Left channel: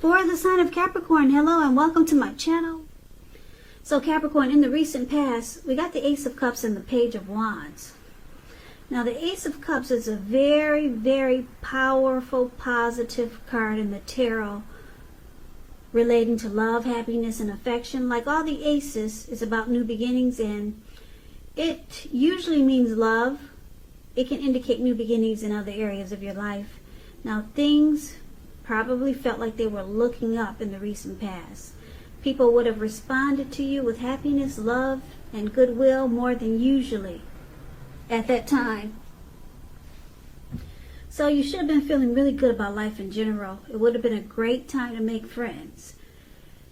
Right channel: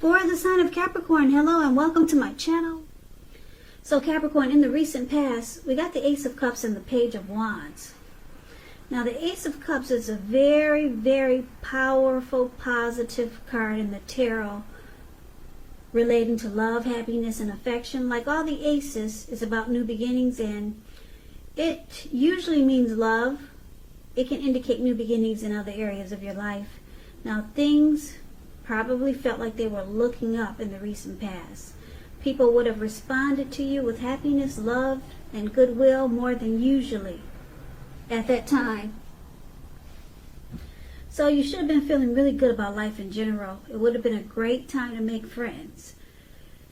For the sign of Capricorn, hello and welcome to my channel. So Capricorn, in the recent past, we got the Ace of Cups and the Page of Wands. Now the Ace of Cups is a very, very powerful, positive card in the tarot relating to love, happiness, and affection. Like all the aces, it's about new beginnings, and it usually means love. It can indicate new beginnings in other areas of your life. Now things probably felt like they were looking up in the recent past. People would have responded to you with happiness, love, and goodwill more than usually at that time. So you should have been feeling really good about life in general. It would have been a great time to make friends.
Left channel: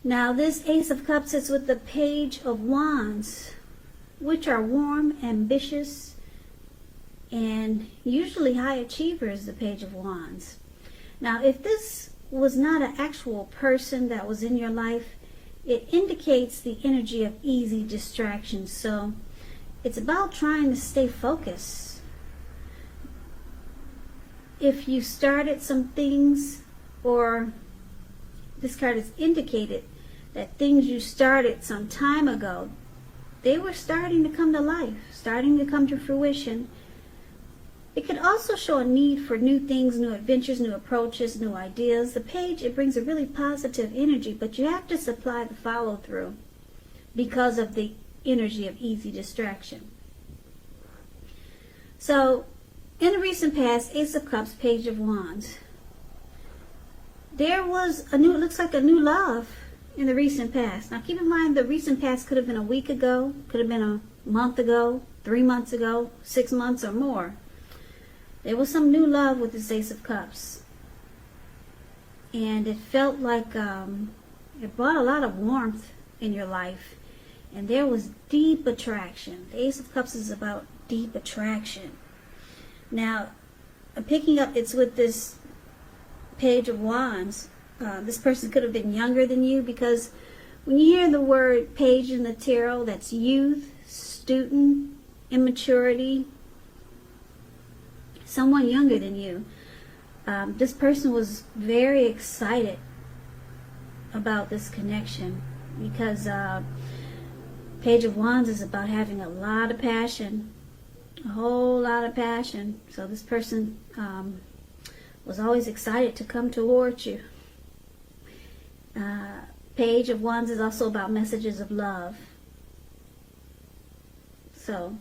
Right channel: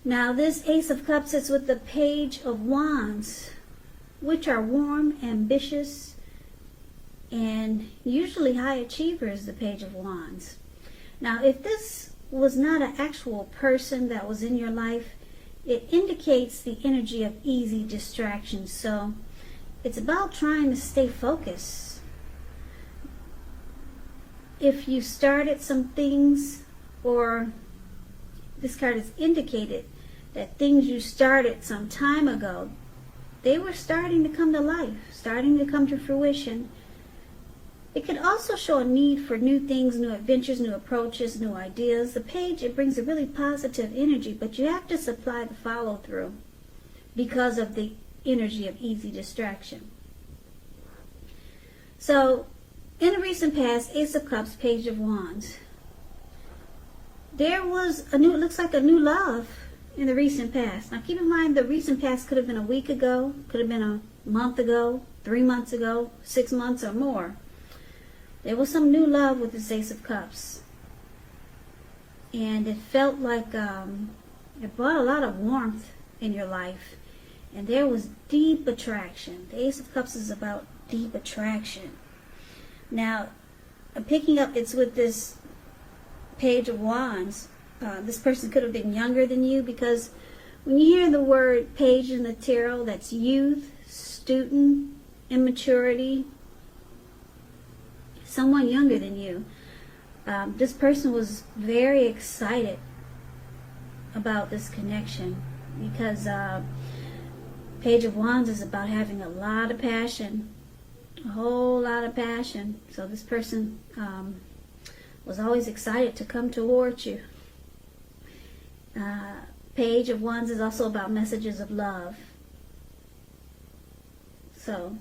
Now this Ace of Cups is with the Page of Wands, which are warm, ambitious, and usually high achievers, the Page of Wands. Now, if this was not an actual person that was in your life, it indicates the energy of easy distraction. So it's about trying to stay focused. If you started some things, or this card has indicated that things you started some time ago, they were starting to come to life, starting to come to fruition. It could also show a need for new things, new adventures, new approaches, new ideas. The Page, it brings a really positive energy, but you have to supply the follow-through because of the energy of easy distraction. So, in the recent past, Ace of Cups, Page of Wands. There was looks like a new love in the recent past. Now keep in mind, the recent past could have been a week ago, could have been a month ago, 3 months ago, 6 months or more. There was some new love with this Ace of Cups. And it felt like it brought a lot of warmth in your life. And there was deep attraction. The Ace of Cups is about deep attraction. Now, I'm picking up it's with this Page of Wands. This person could have been younger than you, because when you hear the word page in the tarot, that's youth, student, immaturity, someone younger than you. This person was very excited about this connection because Page of Wands is about having a lot of passion, a whole lot of passion. So this person was always excited to come towards you. Page of Wands is also about messages of love. So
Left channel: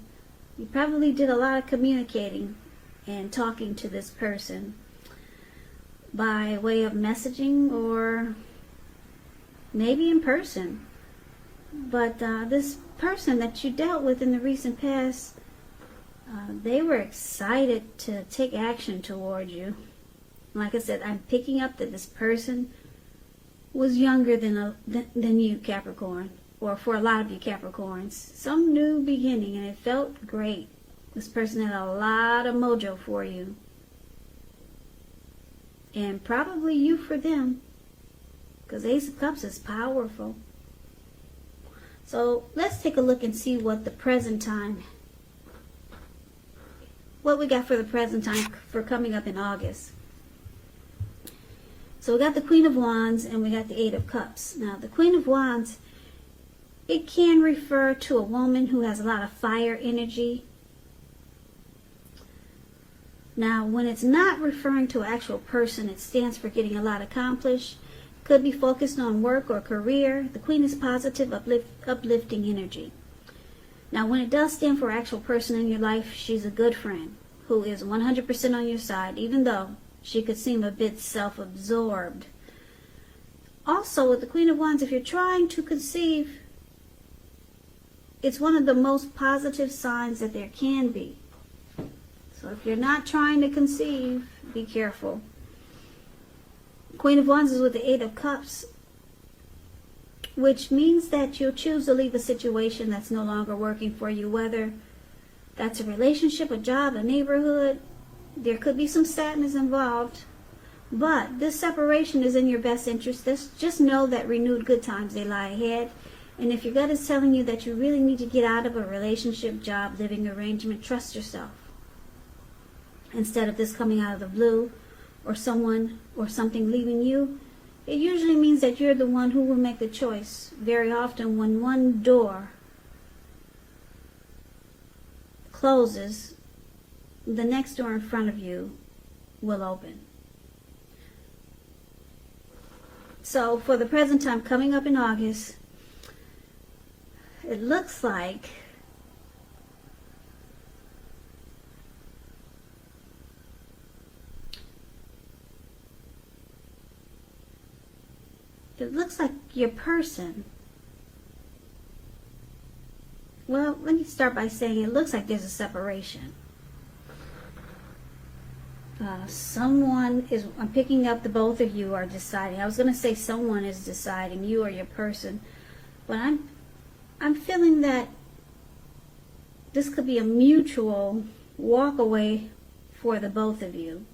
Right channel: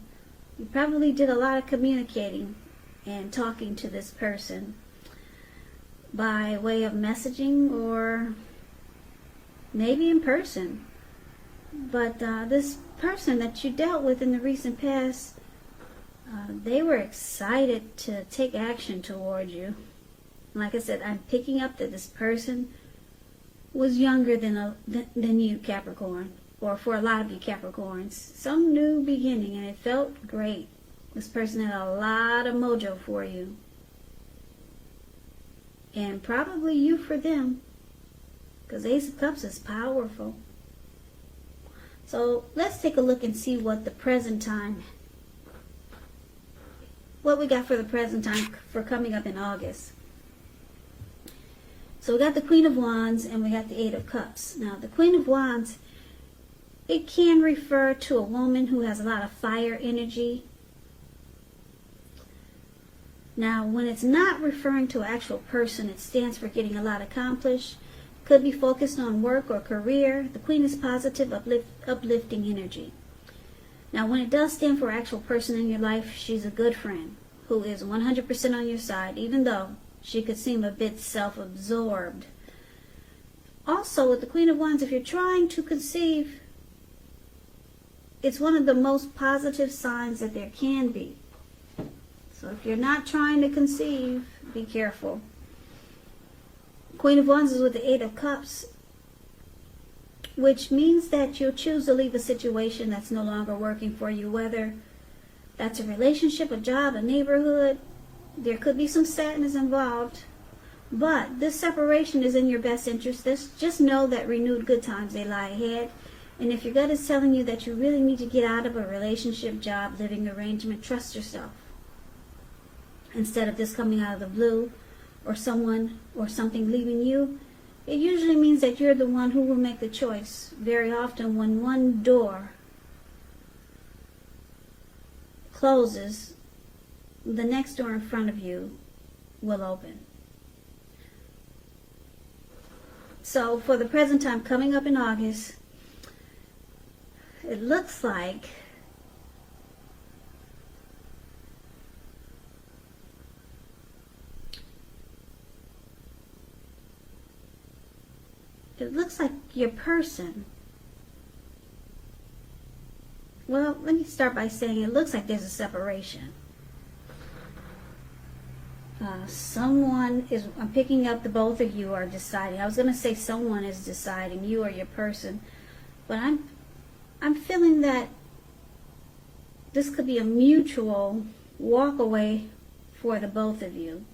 you probably did a lot of communicating and talking to this person by way of messaging or maybe in person. But this person that you dealt with in the recent past, they were excited to take action toward you. Like I said, I'm picking up that this person was younger than you, Capricorn, or for a lot of you Capricorns. Some new beginning, and it felt great. This person had a lot of mojo for you. And probably you for them. Because Ace of Cups is powerful. So let's take a look and see what the present time, what we got for the present time for coming up in August. So we got the Queen of Wands and we got the Eight of Cups. Now the Queen of Wands, it can refer to a woman who has a lot of fire energy. Now, when it's not referring to an actual person, it stands for getting a lot accomplished. Could be focused on work or career. The Queen is positive, uplifting energy. Now, when it does stand for an actual person in your life, she's a good friend who is 100% on your side, even though she could seem a bit self-absorbed. Also, with the Queen of Wands, if you're trying to conceive, it's one of the most positive signs that there can be. So if you're not trying to conceive, be careful. Queen of Wands is with the Eight of Cups, which means that you'll choose to leave a situation that's no longer working for you, whether that's a relationship, a job, a neighborhood. There could be some sadness involved, but this separation is in your best interest. Just know that renewed good times, they lie ahead. And if your gut is telling you that you really need to get out of a relationship, job, living arrangement, trust yourself. Instead of this coming out of the blue, or someone or something leaving you, it usually means that you're the one who will make the choice. Very often when one door closes, the next door in front of you will open. So for the present time coming up in August, it looks like your person, well, let me start by saying it looks like there's a separation. Someone is, I'm picking up the both of you are deciding. I was going to say someone is deciding, you or your person, but I'm feeling that this could be a mutual walk away for the both of you.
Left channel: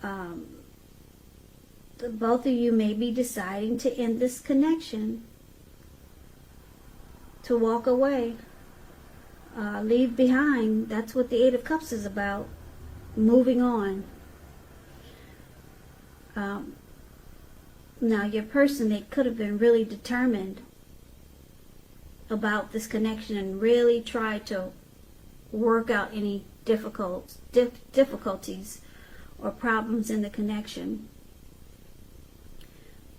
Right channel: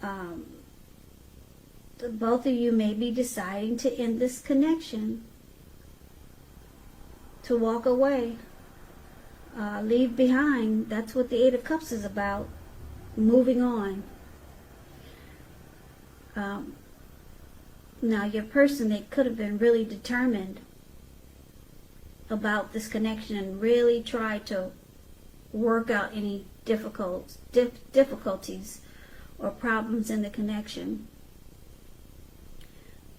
The both of you may be deciding to end this connection, to walk away, leave behind. That's what the Eight of Cups is about. Moving on. Now your person, they could have been really determined about this connection and really tried to work out any difficulties or problems in the connection.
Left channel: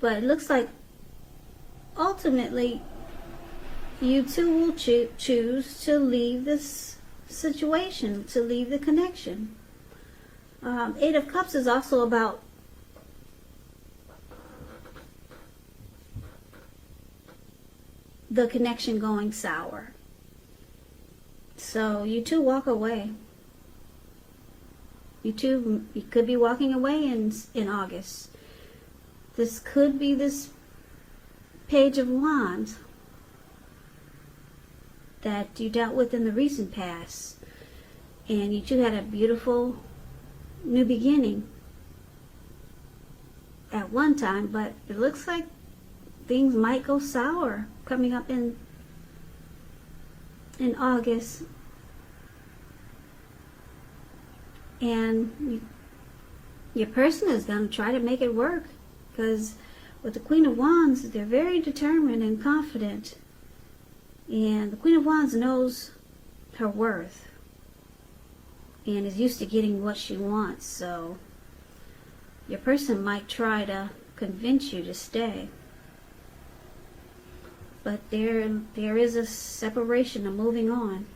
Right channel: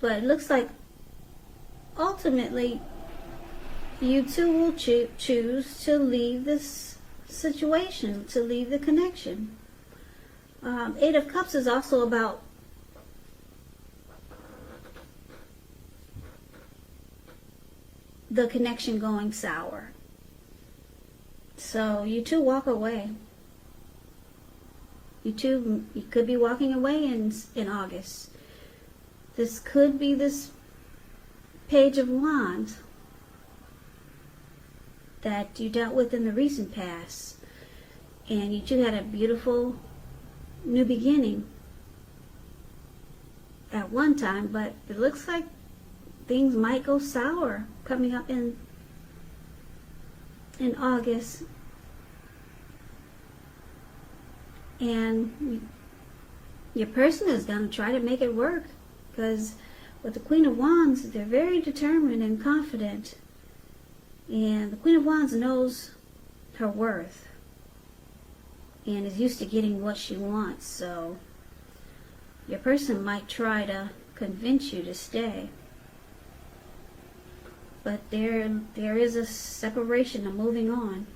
But it looks like ultimately you two will choose to leave this situation, to leave the connection. Eight of Cups is also about the connection going sour. So you two walk away. You could be walking away in August. This could be this Page of Wands that you dealt with in the recent past. And you two had a beautiful new beginning at one time, but it looks like things might go sour coming up in August. And your person is going to try to make it work, because with the Queen of Wands, they're very determined and confident, and the Queen of Wands knows her worth and is used to getting what she wants. So your person might try to convince you to stay, but there is a separation, a moving on,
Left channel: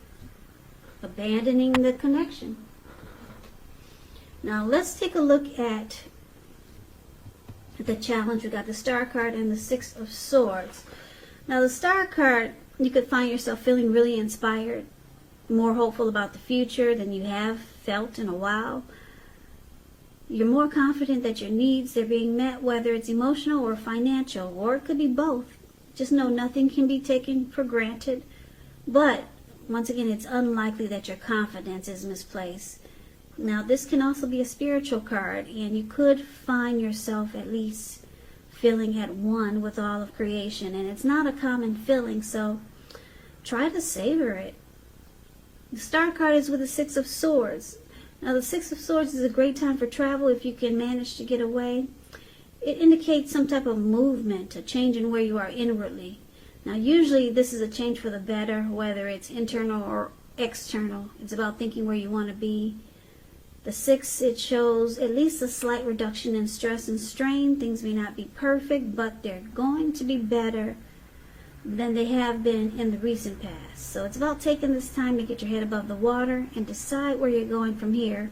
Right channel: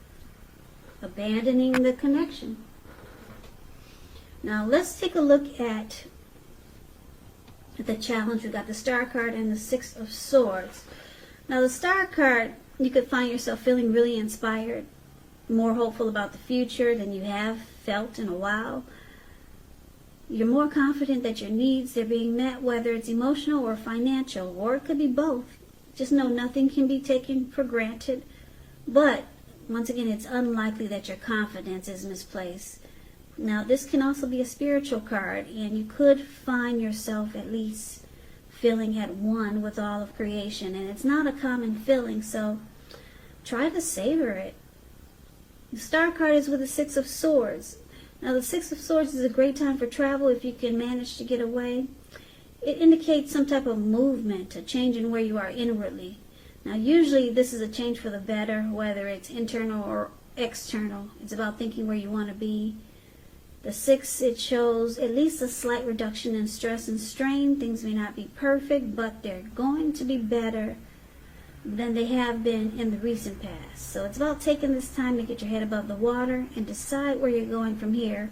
abandoning the connection. Now let's take a look at the challenge. We got the Star card and the Six of Swords. Now the Star card, you could find yourself feeling really inspired, more hopeful about the future than you have felt in a while. You're more confident that your needs are being met, whether it's emotional or financial, or it could be both. Just know nothing can be taken for granted. But once again, it's unlikely that your confidence is misplaced. Now this can also be a spiritual card, and you could find yourself at least feeling at one with all of creation, and it's not a common feeling, so try to savor it. The Star card is with the Six of Swords. Now the Six of Swords is a great time for travel if you can manage to get away. It indicates some type of movement, a change in where you are inwardly. Now usually this is a change for the better, whether it's internal or external. It's about thinking where you want to be. The Six, it shows at least a slight reduction in stress and strain. Things may not be perfect, but they're going to be better than they have been in the recent past. So it's about taking this time to get your head above the water and decide where you're going from here.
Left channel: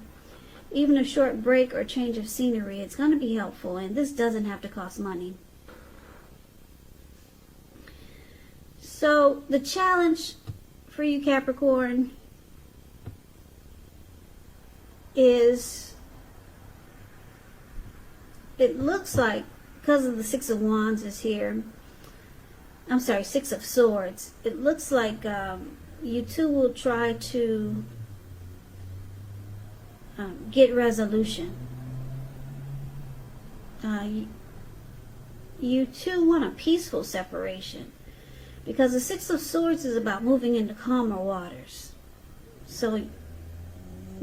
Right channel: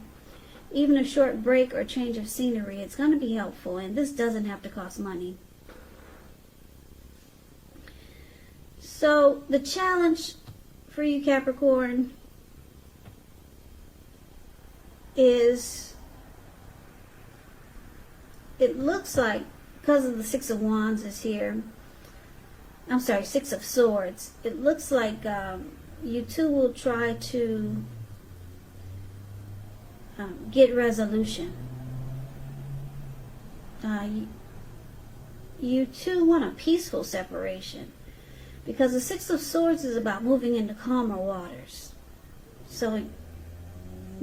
Even a short break or change of scenery, it's going to be helpful, and this doesn't have to cost money. So the challenge for you, Capricorn, is, it looks like, because of the Six of Wands is here, I'm sorry, Six of Swords, it looks like you two will try to get resolution. You two want a peaceful separation, because the Six of Swords is about moving into calmer waters. So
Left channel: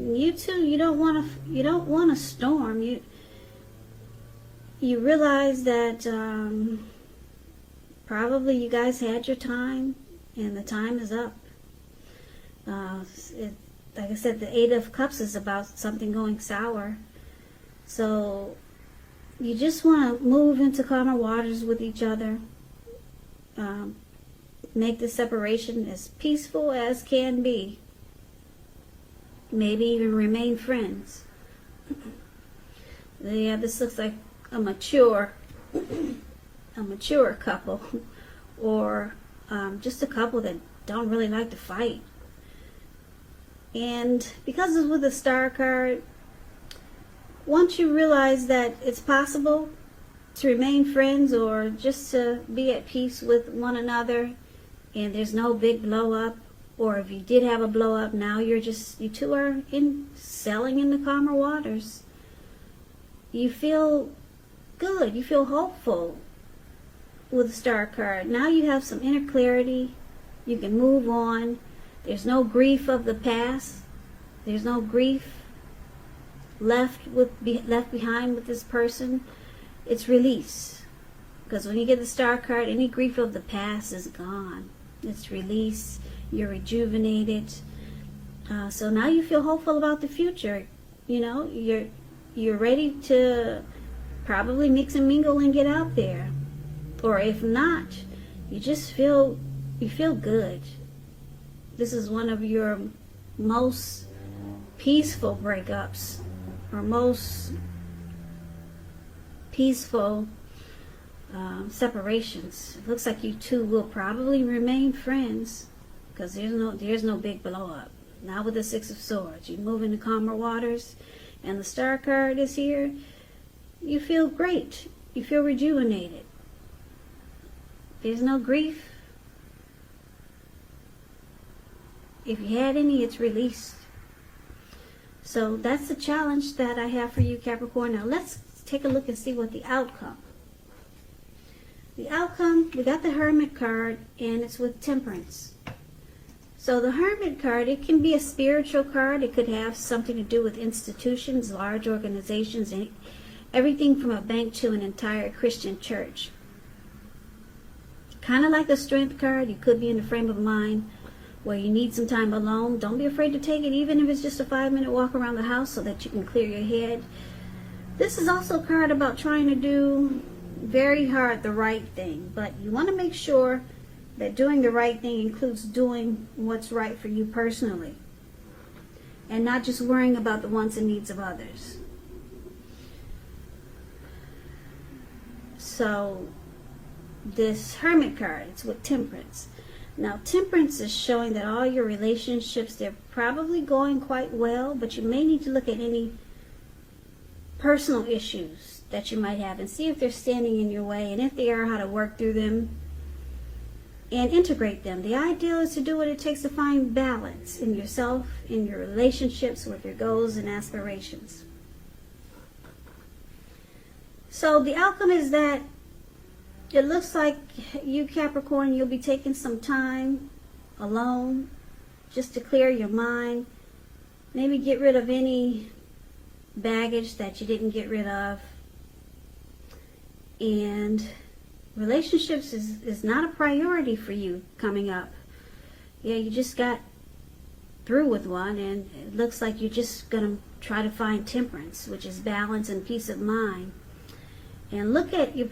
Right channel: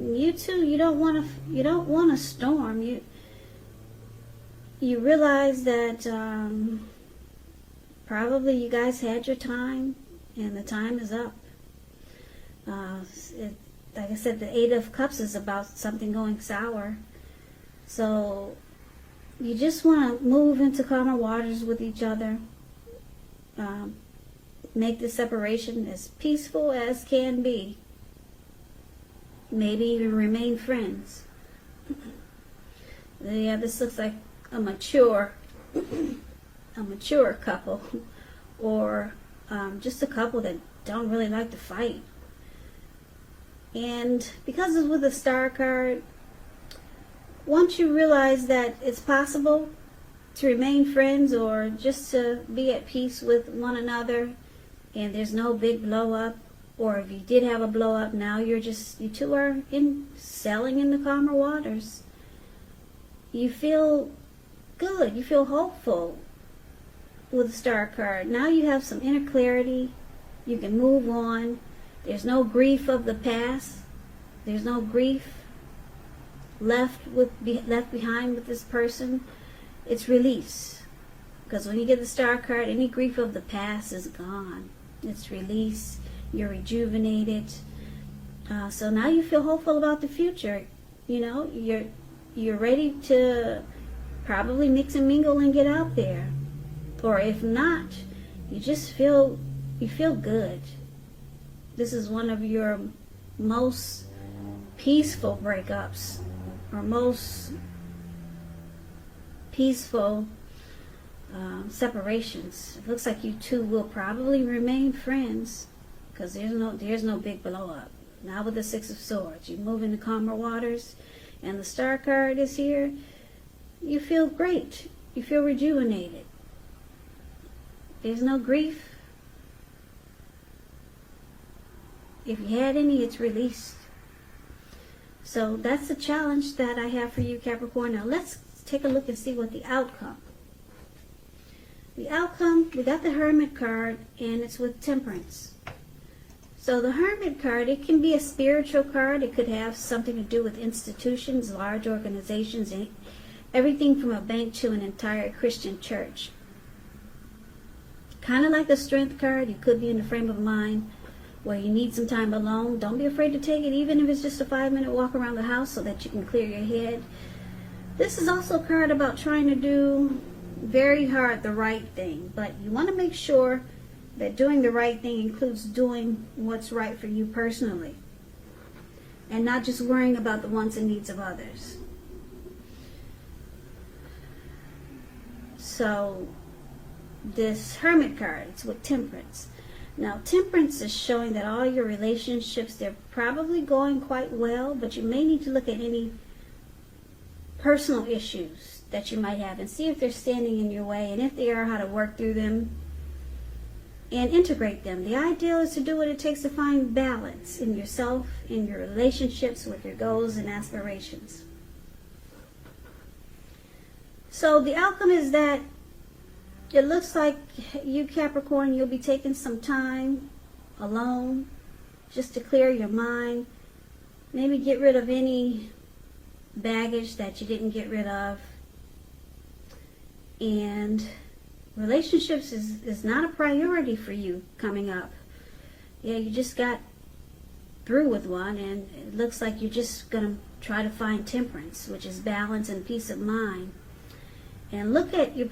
you two, you don't want a storm. You you realize that probably you guys had your time and the time is up. Like I said, the Eight of Cups is about something going sour. So you just want to move into calmer waters with each other. Make the separation as peaceful as can be. Maybe even remain friends. Yeah, this looks like a mature couple, or just a couple that don't really like to fight. And because it's with the Star card, once you realize that it's possible to remain friends or just to be at peace with one another, and there's no big blow up, or if you did have a blow up, now you two are sailing in the calmer waters. You feel good, you feel hopeful with the Star card. Now you have some inner clarity, you can move on. There's no grief of the past. There's no grief left behind with this person. It's release. Because when you get the Star card, any grief of the past is gone. It's release. You're rejuvenated. So now you feel hopeful about the future. You know, you're ready to probably mix and mingle and get out there. Or if not, you feel good. This is one of your most peaceful breakups, or most peaceful separations. It looks like you two will probably remain friends, because there's no big blow up. Not with the Six of Swords. You move into calmer waters, and the Star card is here. You feel great. You feel rejuvenated. There's no grief. If you had any, it's released. So that's the challenge that I have for you, Capricorn. Now let's take a look and see what the outcome. The outcome, we got the Hermit card, and it's with Temperance. So the Hermit card, it can be a spiritual card. It could have something to do with institutions, large organizations, and everything from a bank to an entire Christian church. Kind of like the Strength card. You could be in a frame of mind where you need some time alone. Don't be afraid to take it, even if it's just a 5-minute walk around the house so that you can clear your head. This is also a card about trying to do very hard the right thing, but you want to make sure that doing the right thing includes doing what's right for you personally, and not just worrying about the wants and needs of others. So this Hermit card, it's with Temperance. Now, Temperance is showing that all your relationships, they're probably going quite well, but you may need to look at any personal issues that you might have and see if they're standing in your way, and if they are, how to work through them and integrate them. The idea is to do what it takes to find balance in yourself, in your relationships, with your goals and aspirations. So the outcome is that it looks like you, Capricorn, you'll be taking some time alone just to clear your mind. Maybe get rid of any baggage that you didn't get rid of. And relationships is not a priority for you coming up. Yeah, you just got through with one, and it looks like you're just going to try to find temperance, which is balance and peace of mind. And you'll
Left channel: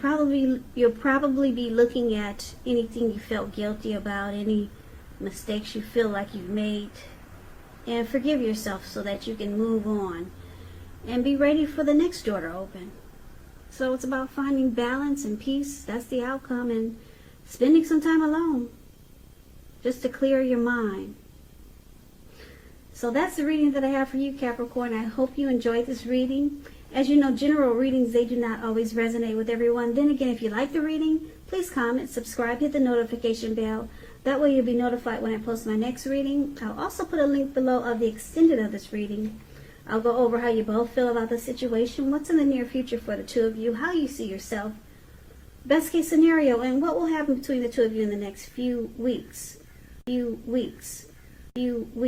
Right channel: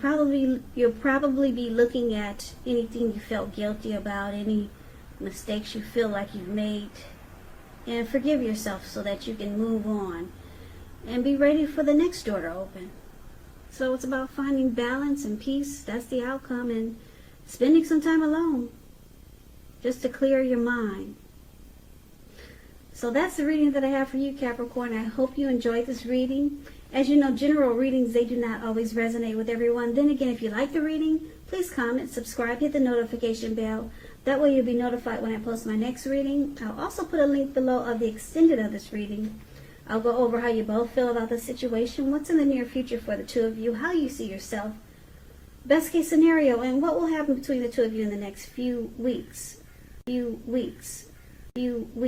probably be looking at anything you felt guilty about, any mistakes you feel like you've made, and forgive yourself so that you can move on and be ready for the next door to open. So it's about finding balance and peace. That's the outcome, and spending some time alone just to clear your mind. So that's the reading that I have for you, Capricorn. I hope you enjoyed this reading. As you know, general readings, they do not always resonate with everyone. Then again, if you like the reading, please comment, subscribe, hit the notification bell. That way you'll be notified when I post my next reading. I'll also put a link below of the extended of this reading. I'll go over how you both feel about the situation, what's in the near future for the two of you, how you see yourself, best case scenario, and what will happen between the two of you in the next few weeks.